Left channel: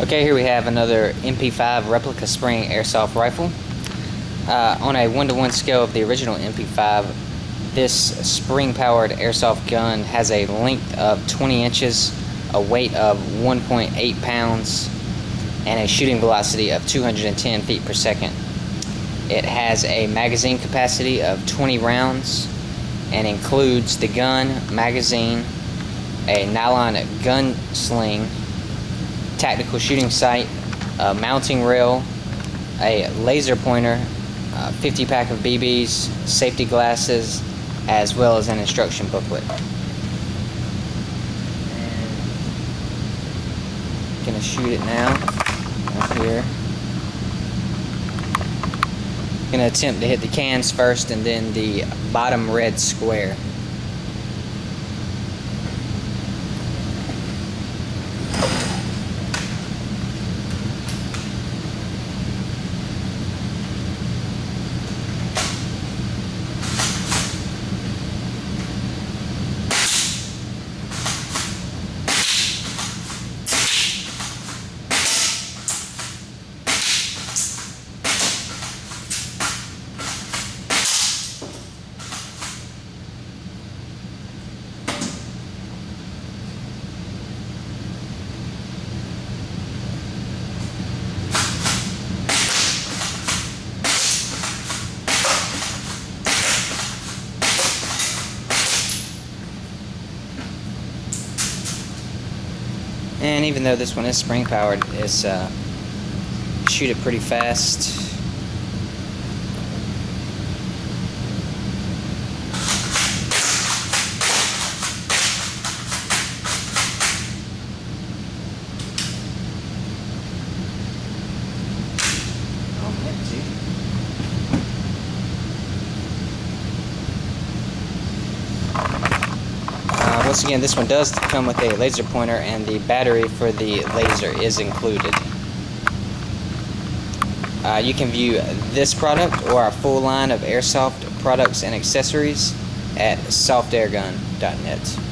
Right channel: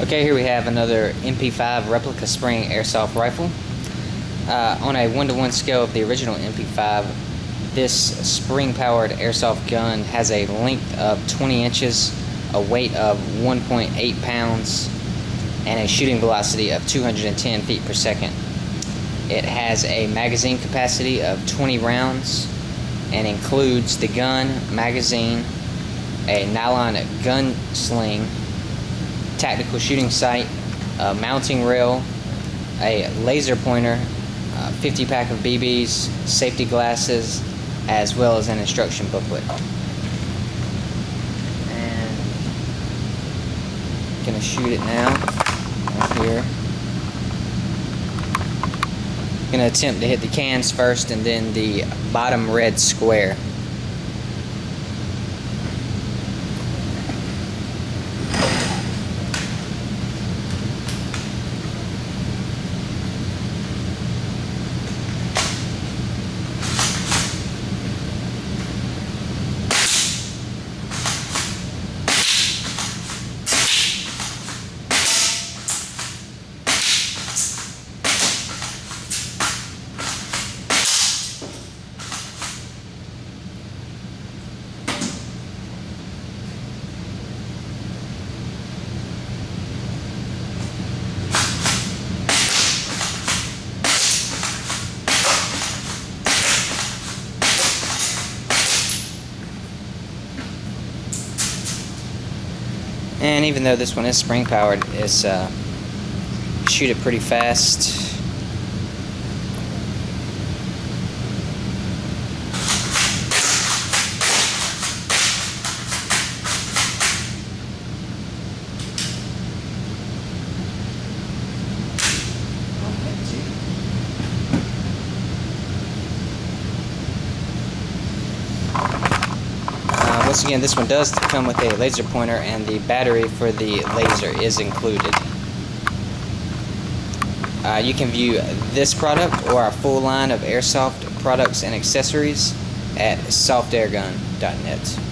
Okay, here we have another MP5 Replica spring airsoft rifle. On a 1-to-1 scale of the original MP5, this spring-powered airsoft gun has a length of 20 inches, a weight of 1.8 pounds, and a shooting velocity of 210 feet per second. It has a magazine capacity of 20 rounds and includes the gun, magazine, a nylon gun sling, tactical shooting sight, a mounting rail, a laser pointer, 50 pack of BBs, safety glasses, as well as an instruction booklet. And I'm gonna shoot it now. Right here. I'm gonna attempt to hit the cans first and then the bottom red square. And even though this one is spring powered, it's shoot it pretty fast. Once again, this one does come with a laser pointer, and the battery for the laser is included. You can view this product or our full line of airsoft products and accessories at softairgun.net.